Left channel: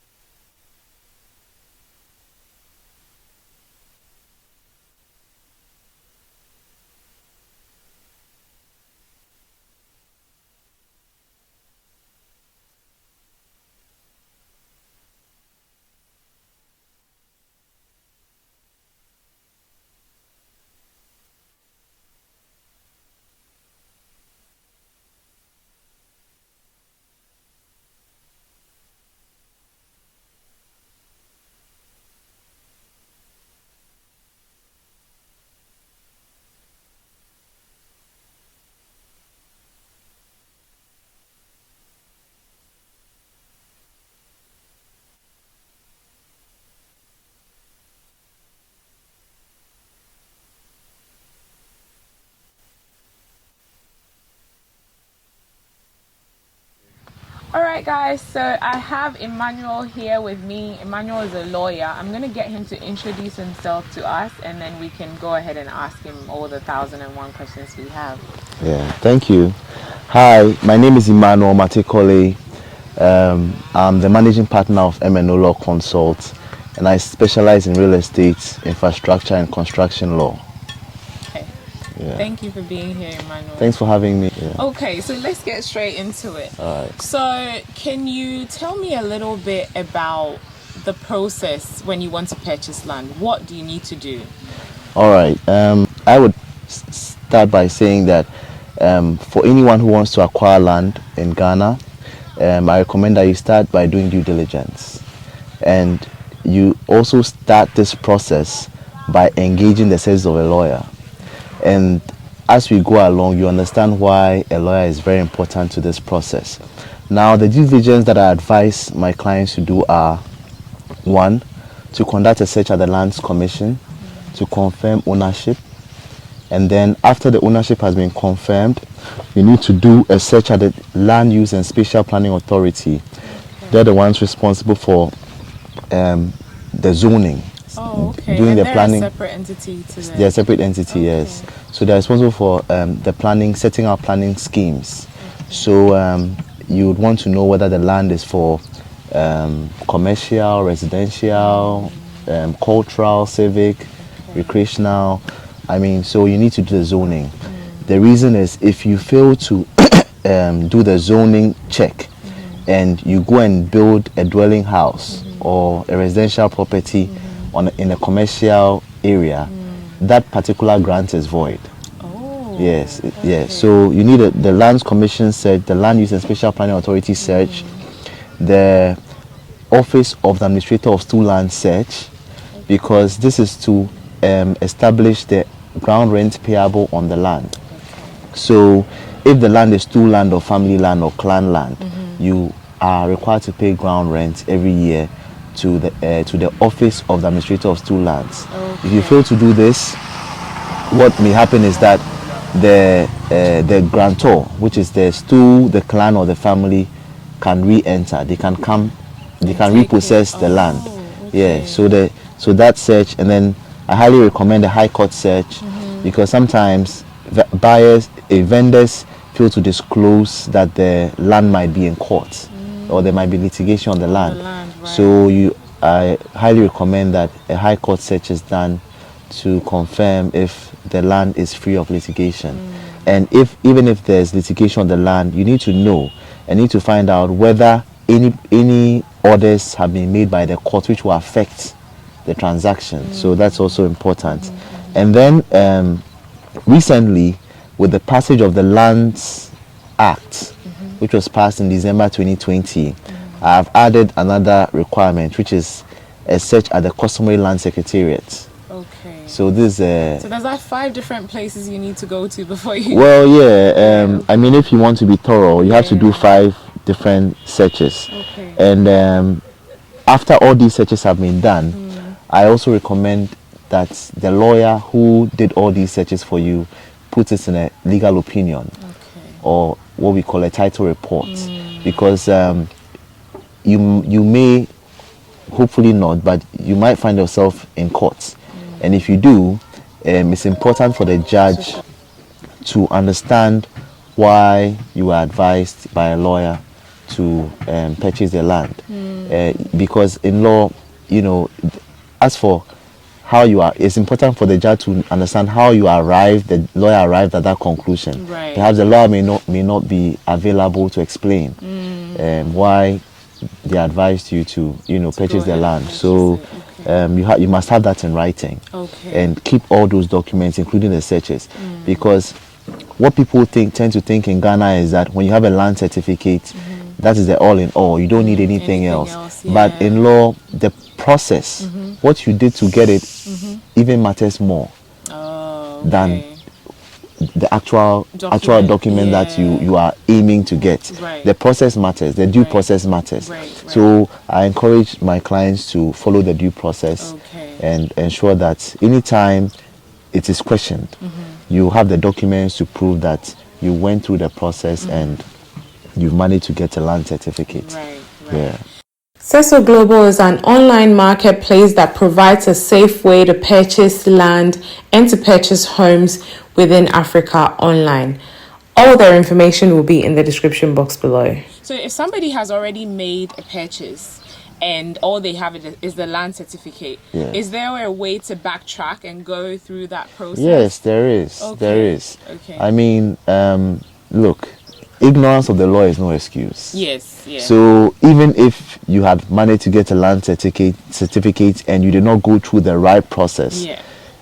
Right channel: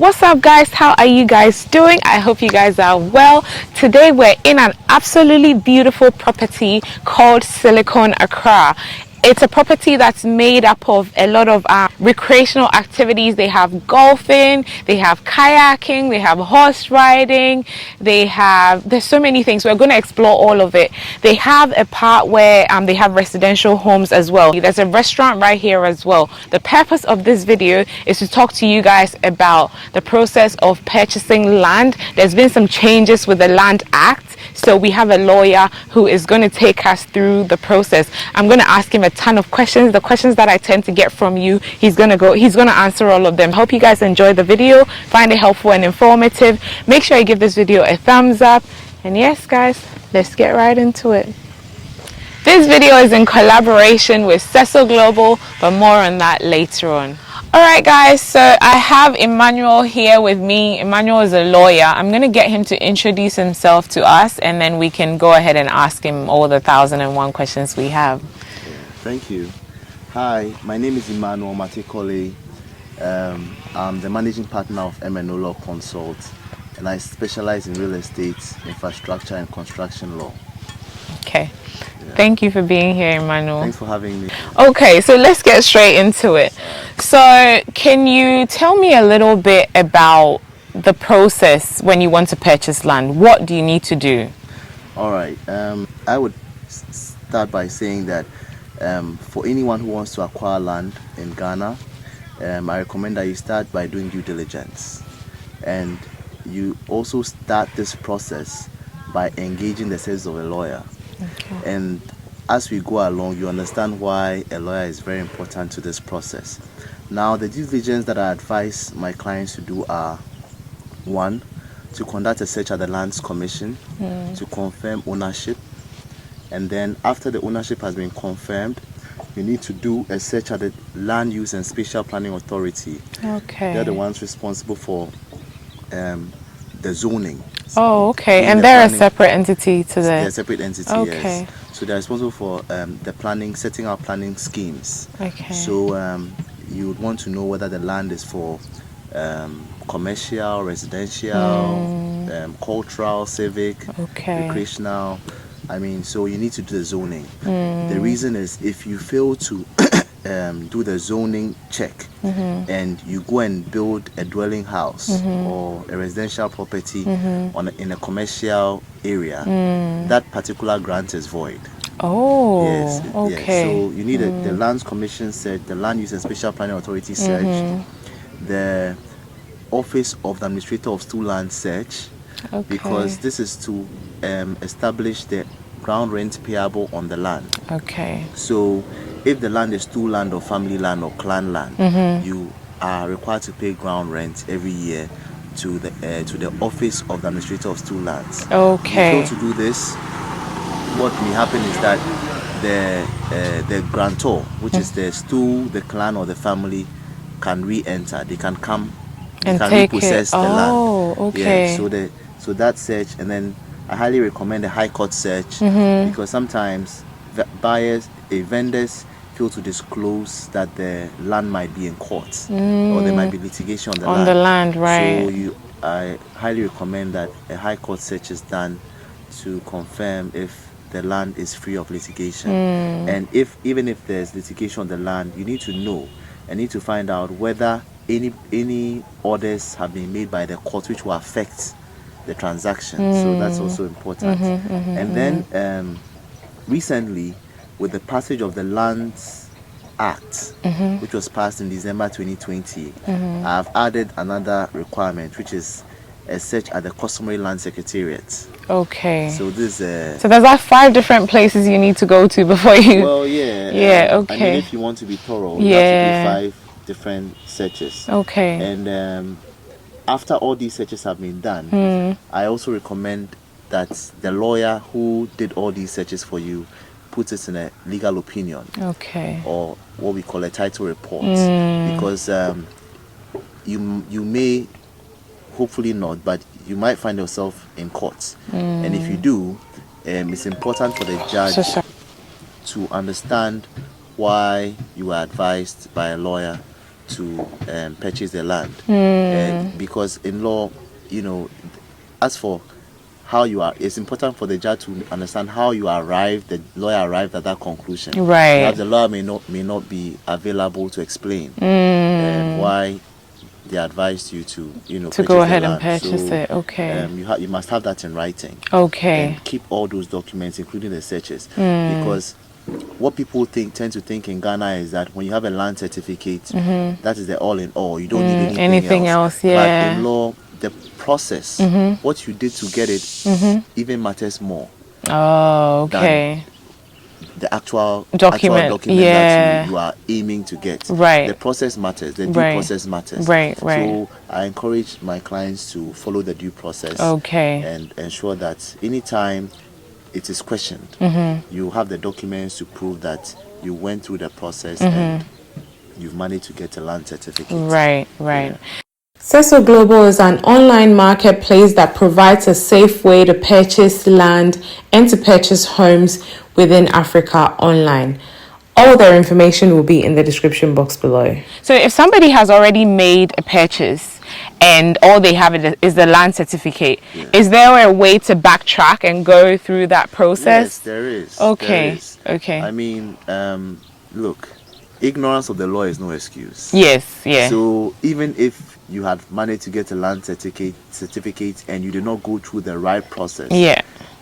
What's up, guys? How are you guys doing? I hope you guys are well. Today we're in an absolutely beautiful property called Silicon Accra. It's a property that's made up of a lot of recreational activities. They have golfing, they have kayaking, they have horse riding, there's so many things. We're going to explore all of it. They have a part where they have residential homes as well. There's a restaurant right here as well. The purpose of this video is to talk to you guys about the process of purchasing land. There's been some changes with the Land Act, so we have a lawyer who is going to take us through the process. I'm going to ask him a ton of questions, the questions that I tend to get from you. He's going to answer all of them. Hope you guys enjoy the video, find it helpful and informative. Make sure you give this video a thumbs up, and yes guys, let's get right into it. This video is in collaboration with Cecil Global, but more on that later on. Alright guys, so I have Emmanuel here with me. Emmanuel is a lawyer. I'm going to get him to introduce himself to us, and then we can go ahead and ask him all the 1001 questions we have. Yeah, thank you. Hi, my name is Emmanuel Matekole. I'm the managing partner of M&O Law Consult, and I specialize in real estate, infrastructure, and construction law. Okay. Yeah. Thank you for being here, Emmanuel. Thanks for having me. Okay, so let's get straight into it. Right. So can you tell me a little bit about the process when you want to purchase land? What do you need to do? All right. I would start by saying that for anyone who wants to acquire land in Ghana, I recommend that you start by doing due diligence. And you also start this process by engaging the service of a lawyer. And as we go along, you understand why a lawyer is very important to this process. Now, the due diligence that I advise my clients to do are: 1, to conduct a search at the Lands Commission to confirm ownership. And then after the ownership has been confirmed, you need to do a search at the Land Use and Spatial Planning Authority. Okay. They're the ones responsible for the zoning. Oh, okay. And they're a separate entity to the... They're a separate entity, okay. Yes. So they're responsible for the planning, setting out planning schemes. Okay. So you would want to know whether the land is for commercial, residential, cultural, civic, recreational. I mean, so you need to do the zoning. The reason is, if you fail to do the zoning check and you go and build a dwelling house or a residential property in a commercial area, that particular grant is void. Oh, yes, okay. yes. So you need the Lands Commission search, the Land Use and Spatial Planning Authority search, the Office of the Administrator of Stool Land search, because this is to establish the ground rent payable on the land. Okay. So if the land is stool land or family land or clan land, you are required to pay ground rent every year to the Office of the Administrator of Stool Lands. Okay. If you fail to do this, what may happen is that the grantor, which is the stool, the clan or the family, can re-enter. They can come, they can repossess the land. Okay. Yeah. So that search, and then I highly recommend the High Court search, because sometimes vendors fail to disclose that the land might be in court or there might be litigation on the land. Right. So I highly recommend that a High Court search is done to confirm if the land is free of litigation. And even if there's litigation on the land, you need to know and need to find out whether any orders have been made by the court which will affect the transaction. So that's also important. And then recently, with the passage of the Lands Act, which was passed in December 2020, I've added another requirement, which is a search at the Customary Land Secretariat. Okay. So this so there's like 5 different places you need to go to before you... Well, yeah. Okay. I mean, if you want to be thorough, you have to do 5 different searches. Okay. And after all these searches have been done, I also recommend that the lawyer who did all these searches for you puts it in a legal opinion. Okay. Or what we call a title report. Because you may, hopefully not, but you might find yourself in court. And if you do, it's important for the judge to understand why you were advised by a lawyer to purchase the land. Because in law, you know, as for how you are, it's important for the judge to understand how you arrived, the lawyer arrived at that conclusion. Right. Perhaps the lawyer may not be available to explain why they advised you to, purchase the land. So you must have that in writing. Okay. And keep all those documents, including the searches, because what people tend to think in Ghana is that when you have a land certificate, that is the all in all. You don't need anything else. Yeah. But in law, the process, what you did to get it, even matters more. Oh, okay. Than the actual document that you are aiming to get. Right. The process matters. The due process matters. Right. So I encourage my clients to follow the due process. Okay. And ensure that anytime it is questioned, you have the documents to prove that you went through the process and you've managed to get a land certificate. Right. Yeah. Seso Global is an online marketplace that provides a safe way to purchase land and to purchase homes within Africa online. All their information will be in the description box below. So if somebody has already made a purchase and all they have is the land certificate, is there a way to backtrack and go through that process? Yes, there is. Okay. There is. Okay. I mean, look, ignorance of the law is no excuse. Yes, yeah. So even if you had managed to get a land certificate and you did not go through the right process,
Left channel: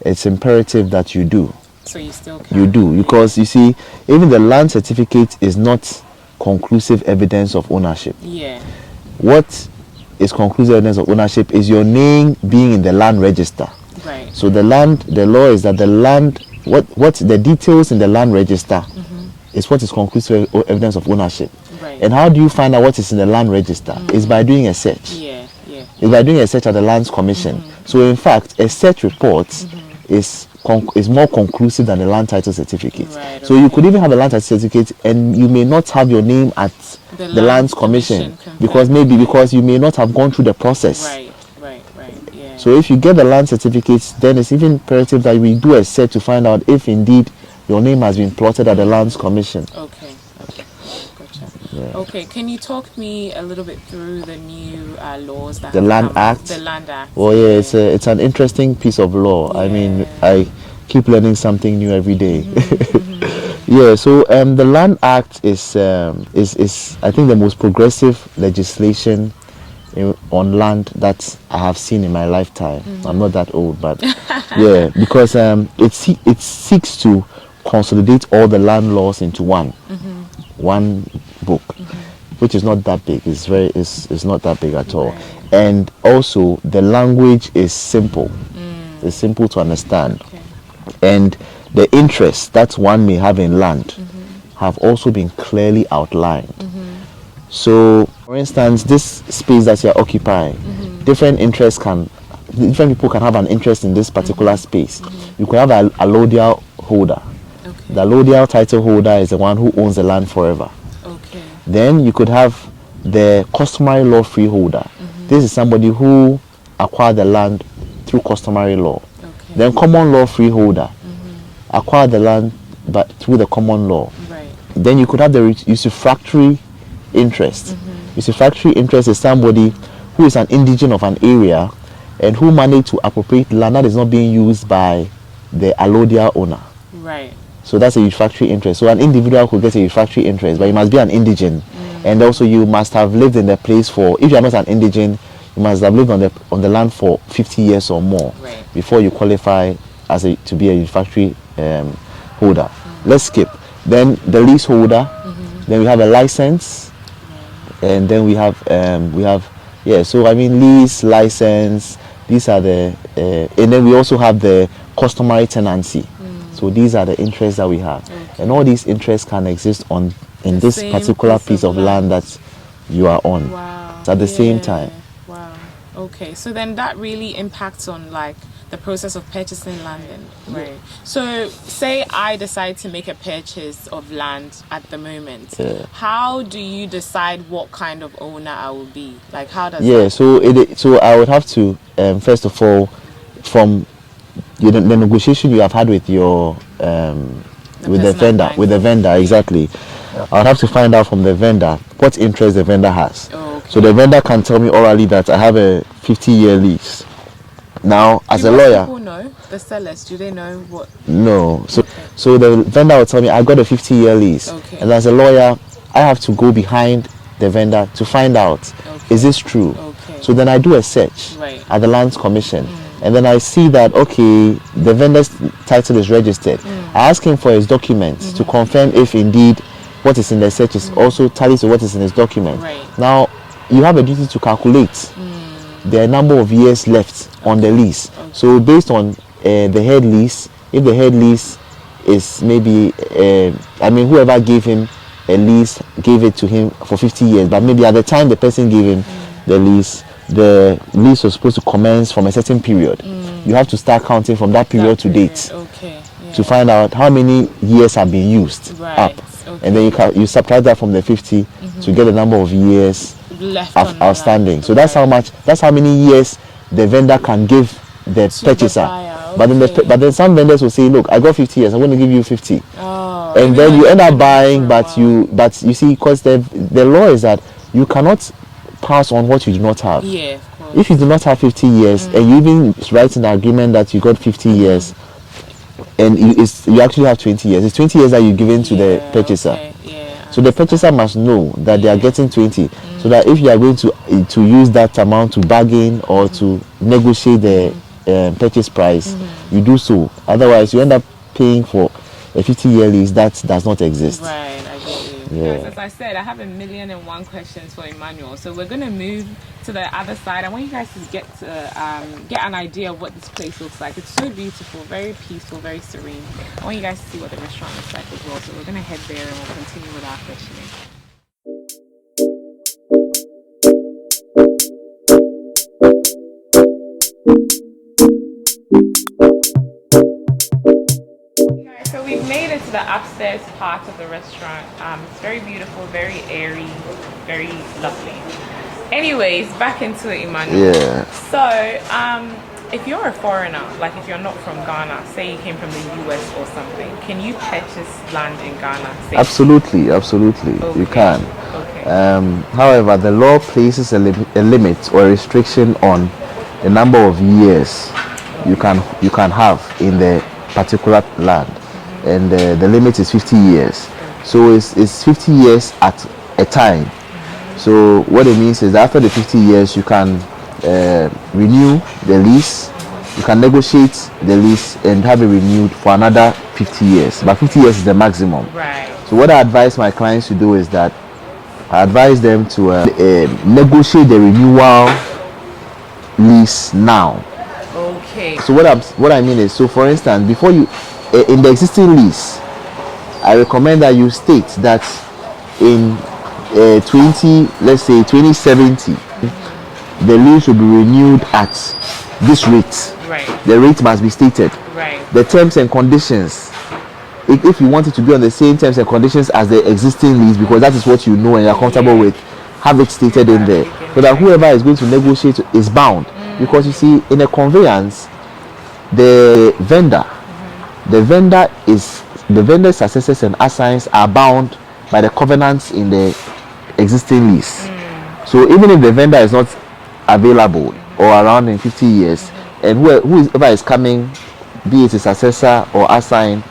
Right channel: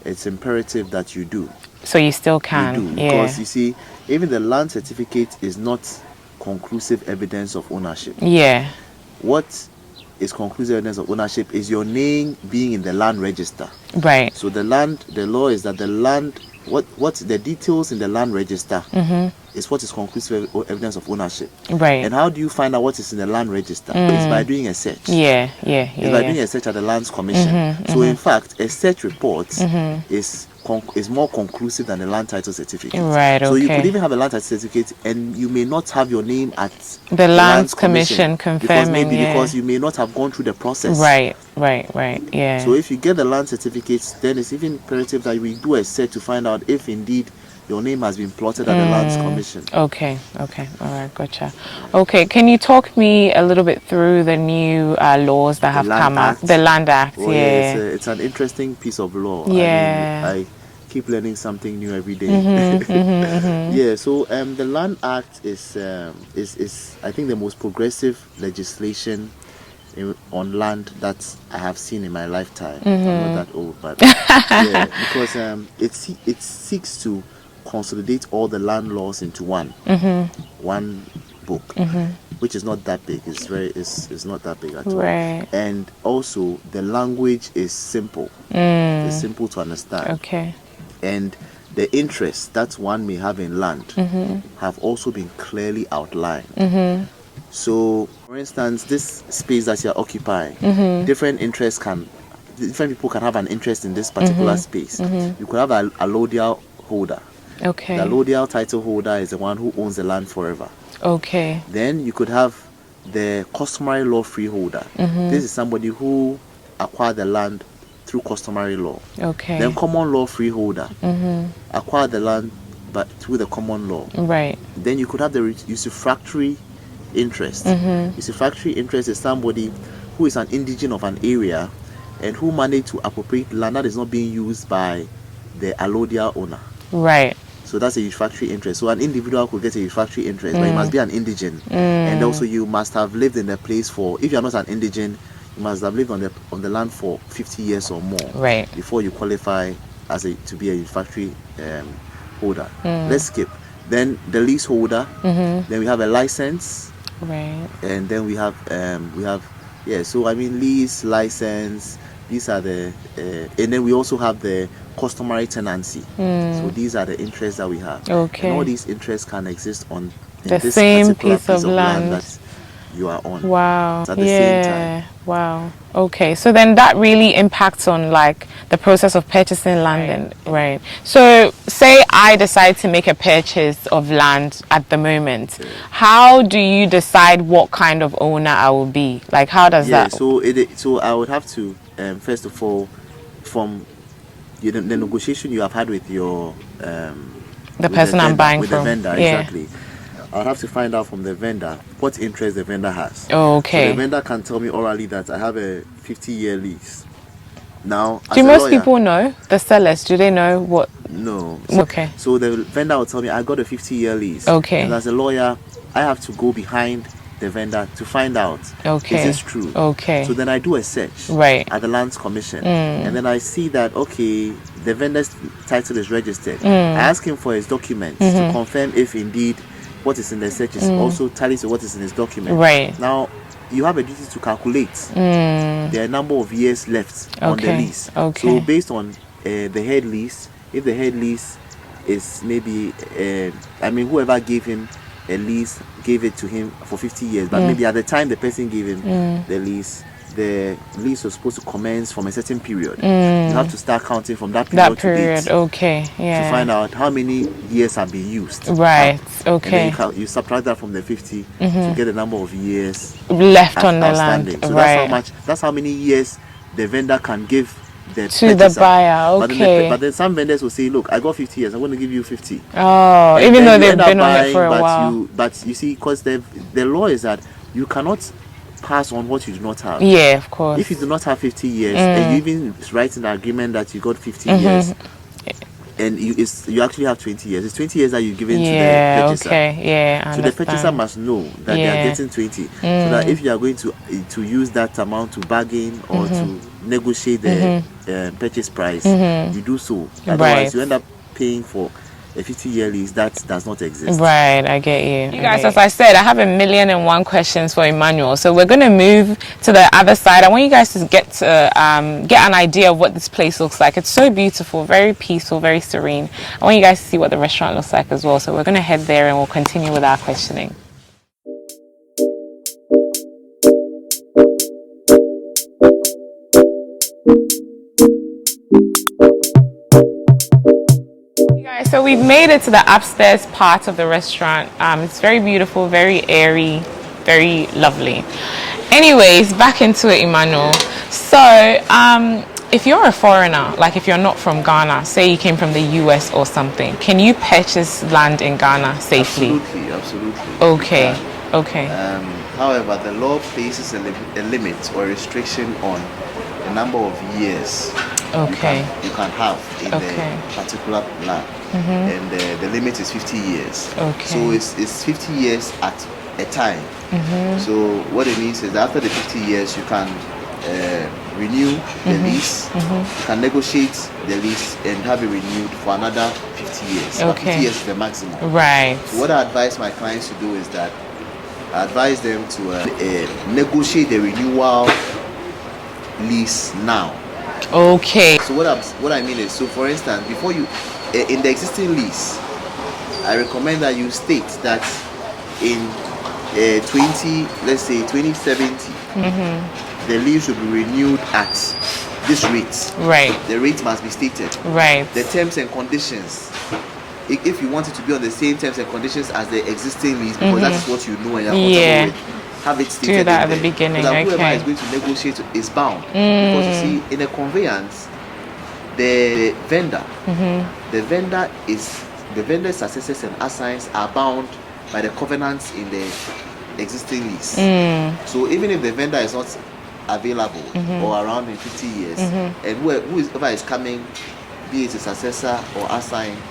it's imperative that you do. So you still can. You do, because you see, even the land certificate is not conclusive evidence of ownership. Yeah. What is conclusive evidence of ownership is your name being in the land register. Right. So the law is that the land, what the details in the land register is what is conclusive evidence of ownership. Right. And how do you find out what is in the land register? It's by doing a search. It's by doing a search at the Lands Commission. So in fact, a search report is more conclusive than a land title certificate. Right. Okay. So you could even have a land title certificate and you may not have your name at the Lands Commission because because you may not have gone through the process. Right. Yeah. So if you get the land certificates, then it's even imperative that we do a search to find out if indeed your name has been plotted at the Lands Commission. Okay. All right, gotcha. Yeah. Okay, can you talk me a little bit through the new laws that have come out? The Land Act. Well, it's an interesting piece of law. Yeah. I mean, I keep learning something new every day. Yeah. So the Land Act is I think the most progressive legislation on land that I have seen in my lifetime. I'm not that old, but yeah, because it seeks to consolidate all the land laws into one book, which is not that big. It's not that big at all. And also the language is simple. It's simple to understand. Okay. And the interests that one may have in land have also been clearly outlined. So, for instance, this space that you're occupying, different people can have an interest in this particular space. You could have a allodial holder. Okay. The allodial title holder is the one who owns the land forever. Okay. Then you could have the customary law freeholder. This is somebody who acquired the land through customary law. Okay. Then common law freeholder acquired the land but through the common law. Right. Then you could have the usufructory interest. Usufructory interest is somebody who is an indigent of an area and who managed to appropriate land that is not being used by the allodial owner. Right. So that's a usufructory interest. So an individual could get a usufructory interest, but you must be an indigent. And also you must have lived in the place for, if you are not an indigent, you must have lived on the land for 50 years or more before you qualify to be a usufructory holder. Let's skip. Then the leaseholder. Then we have a license. Right. And then we have so I mean lease, license, these are the and then we also have the customary tenancy. So these are the interests that we have. Okay. And all these interests can exist in this particular piece of land that you are on. Wow. At the same time. Wow. Okay. So then that really impacts on like the process of purchasing land. Right. So say I decide to make a purchase of land at the moment. How do you decide what kind of owner I will be? Like how does that? So I would have to first of all, from the negotiation you have had with your the vendor, exactly. I would have to find out from the vendor what interest the vendor has. Oh, okay. So the vendor can tell me orally that I have a 50-year lease. Now, as do a most lawyer, people know, the sellers, do they know what? no. So, Okay. so the vendor will tell me I got a 50-year lease. Okay. And as a lawyer, I have to go behind the vendor to find out, Okay. is this true? Okay. So then I do a search Right. at the Lands Commission, and then I see that, okay, the vendor's title is registered. I ask him for his documents to confirm if indeed what is in the search is also tallies to what is in his document. Right. Now, you have a duty to calculate the number of years left on the Okay. lease. Okay. So based on the head lease, if the head lease is maybe, whoever gave him a lease gave it to him for 50 years, but maybe at the time the person gave him the lease was supposed to commence from a certain period. You have to start counting from that period, to date Okay. Yeah. to find out how many years have been used. Right. up. Okay. And then you subtract that from the 50 to get the number of years left on the outstanding. land. So that's how many years the vendor can give the To the purchaser. buyer, But okay. then some vendors will say, look, I got 50 years, I'm going to give you 50. Oh, And even then though you they've end up been on it buying, for a while. but you see, because the law is that you cannot pass on what you do not have. Yeah, of course. If you do not have 50 years and you even write in the agreement that you got 50 years, and you actually have 20 years, it's 20 years that you're giving to the purchaser. Okay. Yeah. I So the understand. purchaser must know that they are Yeah. getting 20, so that if you are going to use that amount to bargain or to negotiate the purchase price, you do so. Otherwise, Right. you end up paying for a 50-year lease that does not exist. Right, I get you. You guys, as I said, I have 1,000,001 questions for Emmanuel. So we're going to move to the other side. I want you guys to get an idea of what this place looks like. It's so beautiful, very peaceful, very serene. I want you guys to see what the restaurant looks like as well. So we're going to head there and we'll continue with our questioning. Guys, so we've made it to the upstairs part of the restaurant. It's very beautiful, very airy, very lovely. Anyways, back into it, Emmanuel. Yeah. So, if you're a foreigner, like if you're not from Ghana, say you came from the US or something, can you purchase land in Ghana safely? Absolutely. You Okay. can. Okay. However, the law places a limit or a restriction on the number of years you can have in the Okay. particular land, and the limit is 50 years. Okay. So it's 50 years at a time. So what it means is that after the 50 years, you can renew the lease. You can negotiate the lease and have it renewed for another 50 years. But 50 Okay. years is the maximum. Right. So what I advise my clients to do is that I advise them to negotiate the renewal lease now. Okay. So what I mean is, so for instance, before you in the existing lease, I recommend that you state that in 2070, the lease will be renewed at this rate. Right. The rate must be stated. Right. The terms and conditions, if you want it to be on the same terms and conditions as the existing lease, because that is what you know and you're comfortable Yeah. with, have it stated that in at the there, beginning, so that whoever okay. is going to negotiate is bound. Because you see, in a conveyance, the vendor's successors and assigns are bound by the covenants in the existing lease. So even if the vendor is not available or around in 50 years, and whoever is coming, be it a successor or assigned,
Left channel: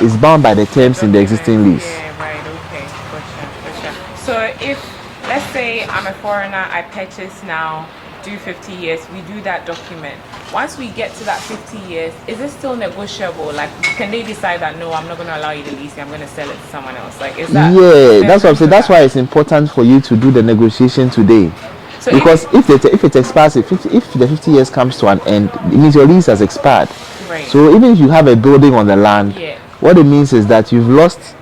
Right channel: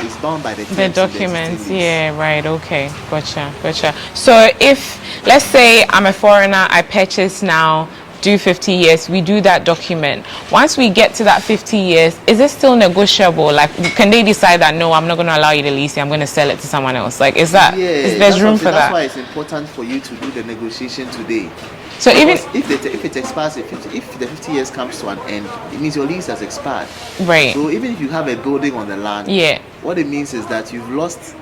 is bound by the terms in the existing documents. lease. Yeah, right. Okay. Gotcha. So if, let's say I'm a foreigner, I purchase now, do 50 years, we do that document. Once we get to that 50 years, is it still negotiable? Like, can they decide that, no, I'm not going to allow you to lease it, I'm going to sell it to someone else? Like, is that? Yeah, that's what I'm saying. That's that? why it's important for you to do the negotiation today. So Because even, if it expires, if the 50 years comes to an end, it means your lease has expired. right, So even if you have a building on the land, yeah, what it means is that you've lost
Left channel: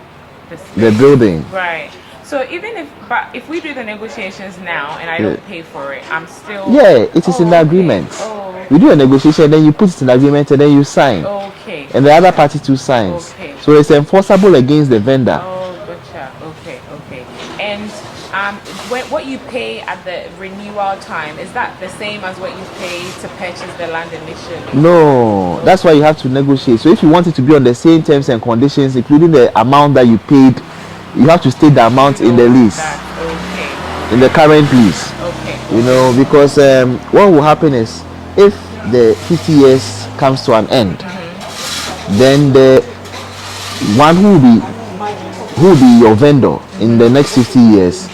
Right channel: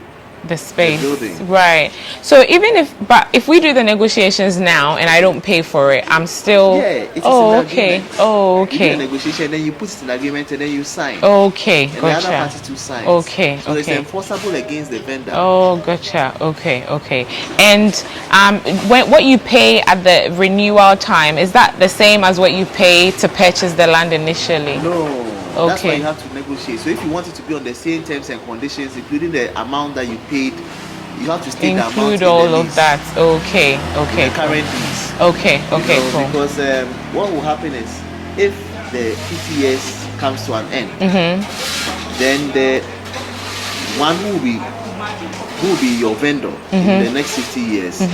the space. building. Right. So even if we do the negotiations now and I don't pay for it, I'm still. Yeah, it is in the agreement. Oh, okay. You do a negotiation, then you put it in the agreement, and then you sign. Okay. And the other gotcha. party too signs. Okay, So it's okay. enforceable against the vendor. Oh, gotcha. Okay. And what you pay at the renewal time, is that the same as what you pay to purchase the land initially? No, that's why Okay. you have to negotiate. So if you want it to be on the same terms and conditions, including the amount that you paid you have to state the amount in the lease. That. Okay. Okay. In the current lease. Okay. You know, cool. Because what will happen is if the 50 years comes to an end, then the one who will be your vendor in the next 50 years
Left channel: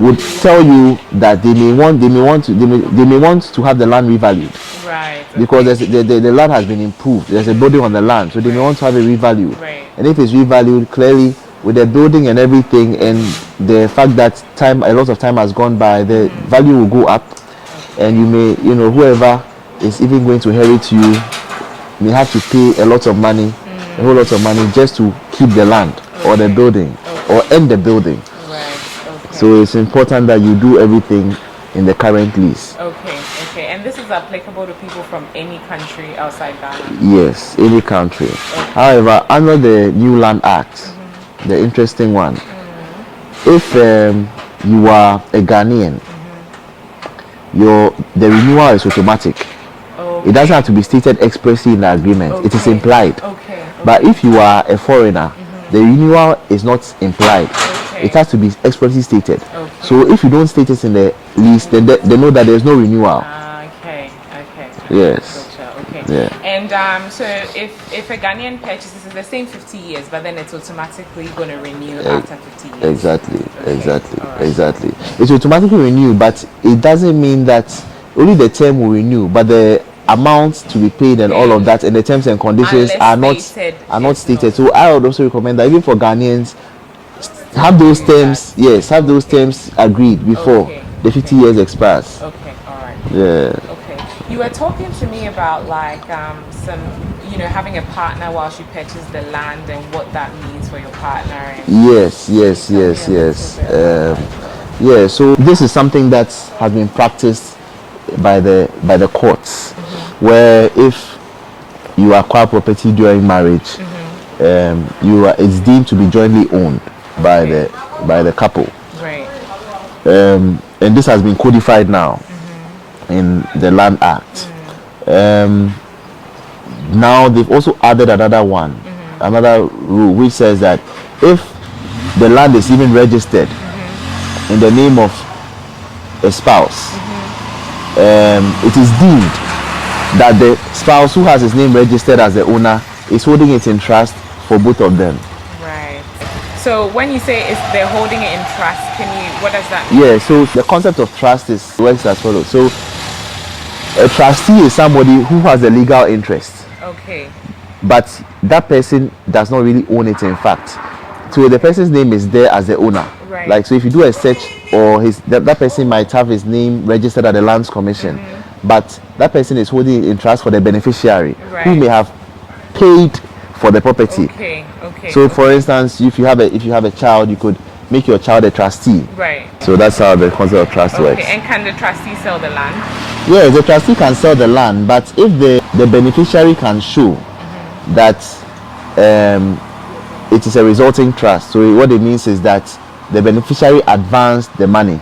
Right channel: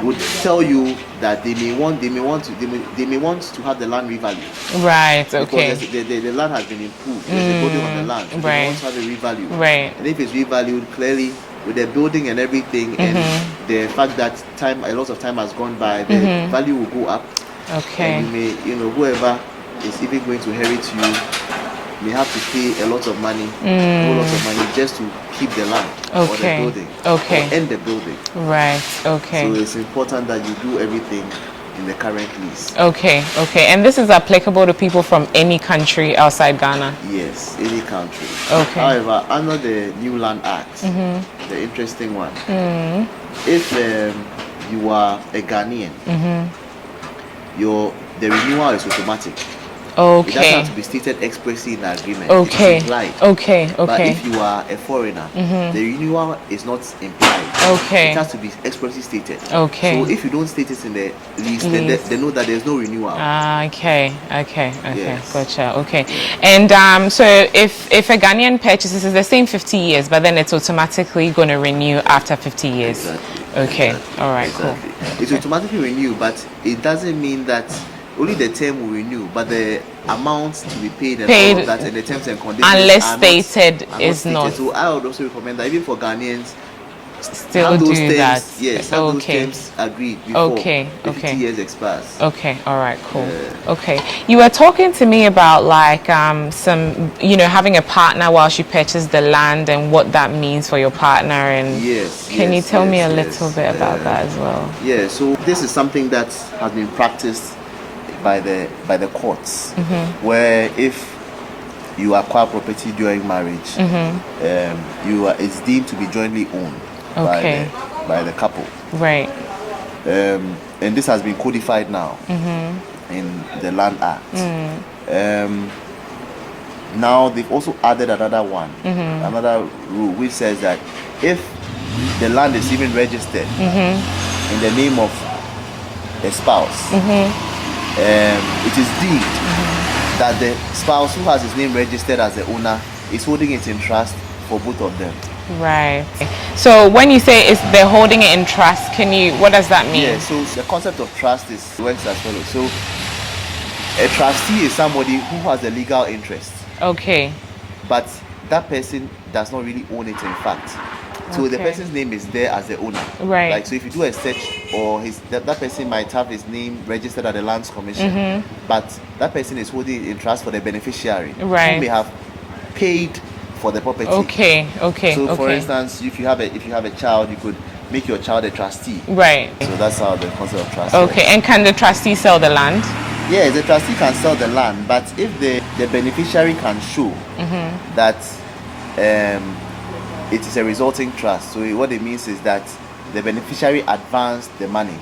would tell you that they may want to have the land revalued. Right. Okay. Because the land has been improved. There's a building on the land, so they may want to have it revalued. Right. And if it's revalued, clearly with the building and everything, and the fact that a lot of time has gone by, the value will go up. Okay. And you may, whoever is even going to inherit you may have to pay a lot of money, a whole lot of money, just to keep the land or the building or end the building. Right. Okay. So it's important that you do everything in the current lease. Okay. Okay. And this is applicable to people from any country outside Ghana? Yes, any country. Okay. However, under the New Land Act, the interesting one, if you are a Ghanaian, the renewal is automatic. Okay. It doesn't have to be stated expressly in the agreement. Okay. It is implied. Okay. But if you are a foreigner, the renewal is not implied. Okay. It has to be expressly stated. Okay. So if you don't state it in the lease, then they know that there's no renewal. Okay. Yes. Gotcha. Okay. Yeah. And so if a Ghanaian purchases, it's the same 50 years, but then it's automatically going to renew after 50 years. Exactly. Okay. Exactly. All right. Exactly. It's automatically renewed, but it doesn't mean that only the term will renew, but the amounts to be paid and all of that and the terms and conditions are not stated. So I would also recommend that even for Ghanaians, have those terms, have those terms agreed before the 50 years expires. Okay, all right, cool. Yeah. Okay, you were talking to me about like some, having a partner while she purchased the land and what that means for your partner. And can you tell me a little bit about that as well? Yeah, so this is something that has been practiced by the courts, where if you acquire property during marriage, it's deemed to be jointly owned by the couple. Right. And this has been codified now in the Land Act. Now they've also added another one, another rule which says that if the land is even registered in the name of a spouse, it is deemed that the spouse who has his name registered as the owner is holding it in trust for both of them. Right. So when you say they're holding it in trust, what does that mean? Yeah, so the concept of trust works as follows. So a trustee is somebody who has a legal interest. Okay. But that person does not really own it in fact. So the person's name is there as the owner. Right. Like, so if you do a search, or that person might have his name registered at the Lands Commission, but that person is holding it in trust for the beneficiary, who may have paid for the property. Okay. So for instance, if you have a child, you could make your child a trustee. Right. So that's how the concept of trust works. Okay. And can the trustee sell the land? Yeah, the trustee can sell the land, but if the beneficiary can show that it is a resulting trust, so what it means is that the beneficiary advanced the money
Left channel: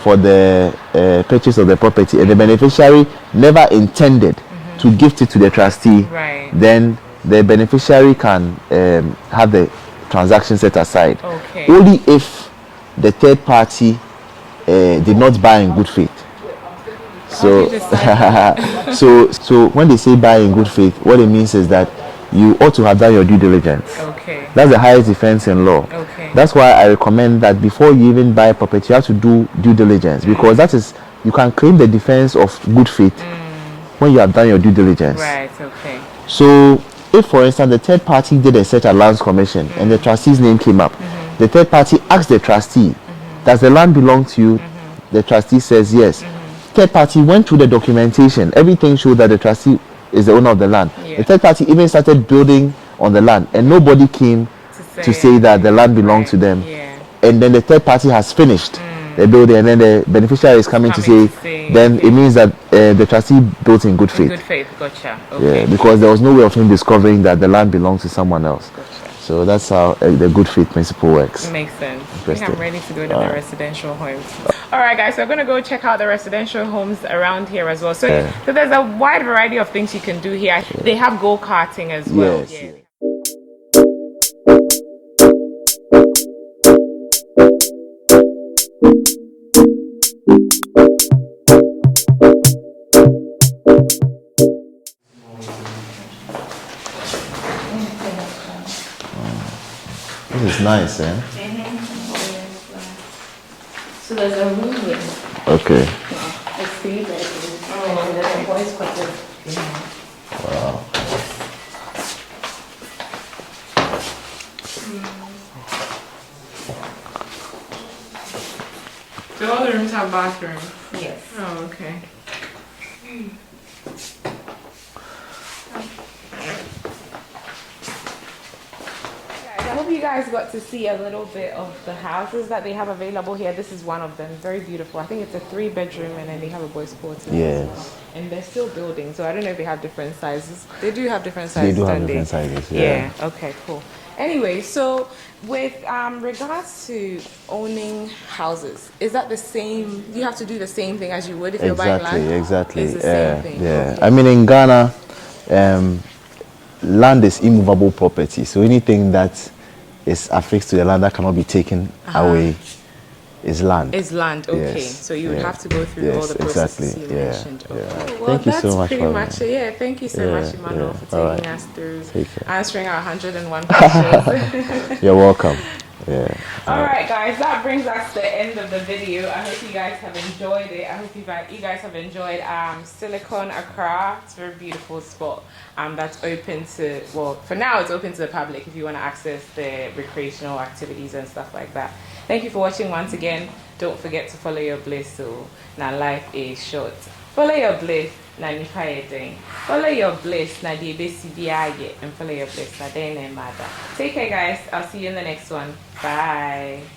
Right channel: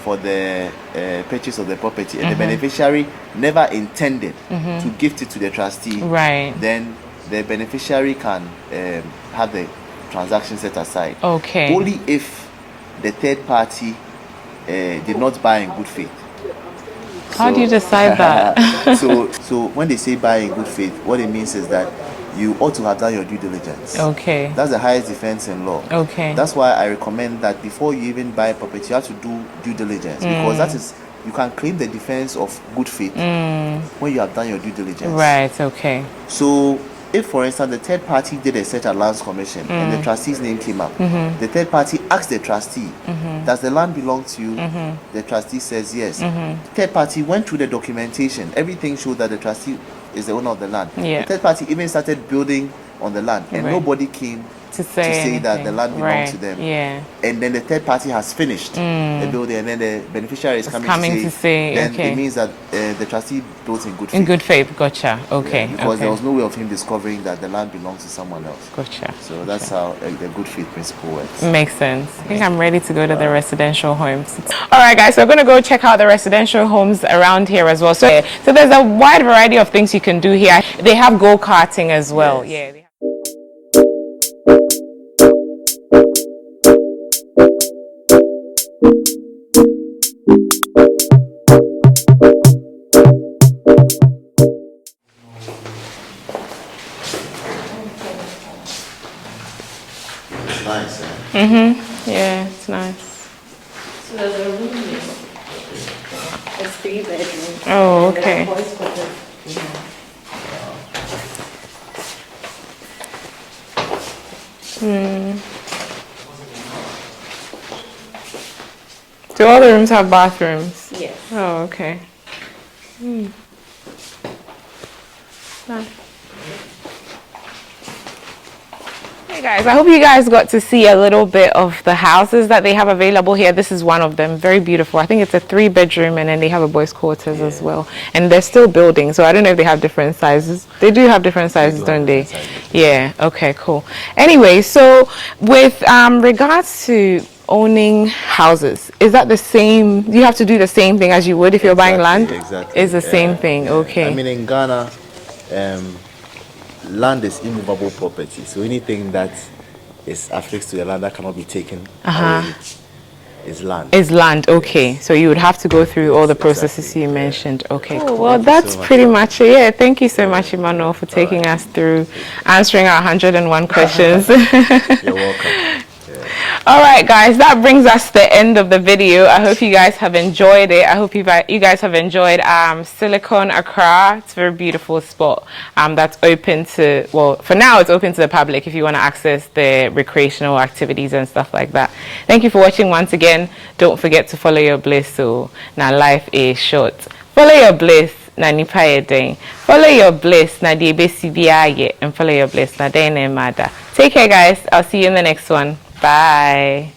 for the purchase of the property, and the beneficiary never intended to gift it to the trustee, then the beneficiary can have the transaction set aside. Okay. Only if the third party did not buy in good faith. How do you decide that? so when they say buy in good faith, what it means is that you ought to have done your due diligence. Okay. That's the highest defense in law. Okay. That's why I recommend that before you even buy a property, you have to do due diligence, because that is, you can claim the defense of good faith when you have done your due diligence. Right. Okay. So if, for instance, the third party did a search at Lands Commission and the trustee's name came up, the third party asked the trustee, does the land belong to you? The trustee says yes. Third party went through the documentation. Everything showed that the trustee is the owner of the land. The third party even started building on the land, and nobody came to say that the land belonged to them. And then the third party has finished the building, and then the beneficiary is coming to say then it means that the trustee built in good faith. In good faith, gotcha. Okay. Yeah, because there was no way of him discovering that the land belongs to someone else. Gotcha. So that's how the good faith principle works. Makes sense. I think I'm ready to go to the residential homes. All right, guys, so we're going to go check out the residential homes around here as well. So there's a wide variety of things you can do here. They have go-karting as well. Yes. Yeah. nice, eh? Yeah, it's nice. So there's a room here. Okay. It's 3 bedrooms. Oh, There's okay. a boys' quarters behind. Do all the rooms have bathrooms? Yes. Oh, okay. Hey guys, I hope you guys got to see a little bit of the houses that they have available here. This is one of them, very beautiful. I think it's a 3-bedroom, and then they have a boys' quarters as well. And they're still building, so I don't know if they have different sizes. They do have different sizes, do have don't they? different sizes, Yeah. Okay, cool. Anyway, so with regards to owning houses, is that the same? You have to do the same thing as you would if you're buying land? Exactly. It's the same thing. Yeah. Okay. I mean, in Ghana, land is immovable property. So anything that is affixed to the land that cannot be taken away is land. Is land, okay. Yes. So you would have to go through all the Yes, processes exactly. you Yeah. mentioned. Okay. Yeah. Oh, well, Thank you that's so much, pretty Mama. much it. Yeah, thank you so Yeah, much, Emmanuel, yeah. for All taking right. us through Take care. answering our 101 questions. You're welcome. Yeah. All right, guys, that brings us to the end of the video. I hope you guys have enjoyed it. I hope you guys have enjoyed Silicon Accra. It's a very beautiful spot that's open to, well, for now it's open to the public if you want to access the recreational activities and stuff like that. Thank you for watching once again. Don't forget to follow your bliss. So now life is short. Follow your bliss. Na nipa yedeng. Follow your bliss. Na di ebesi biya and follow your bliss. Na den mada. Take care, guys. I'll see you in the next one. Bye.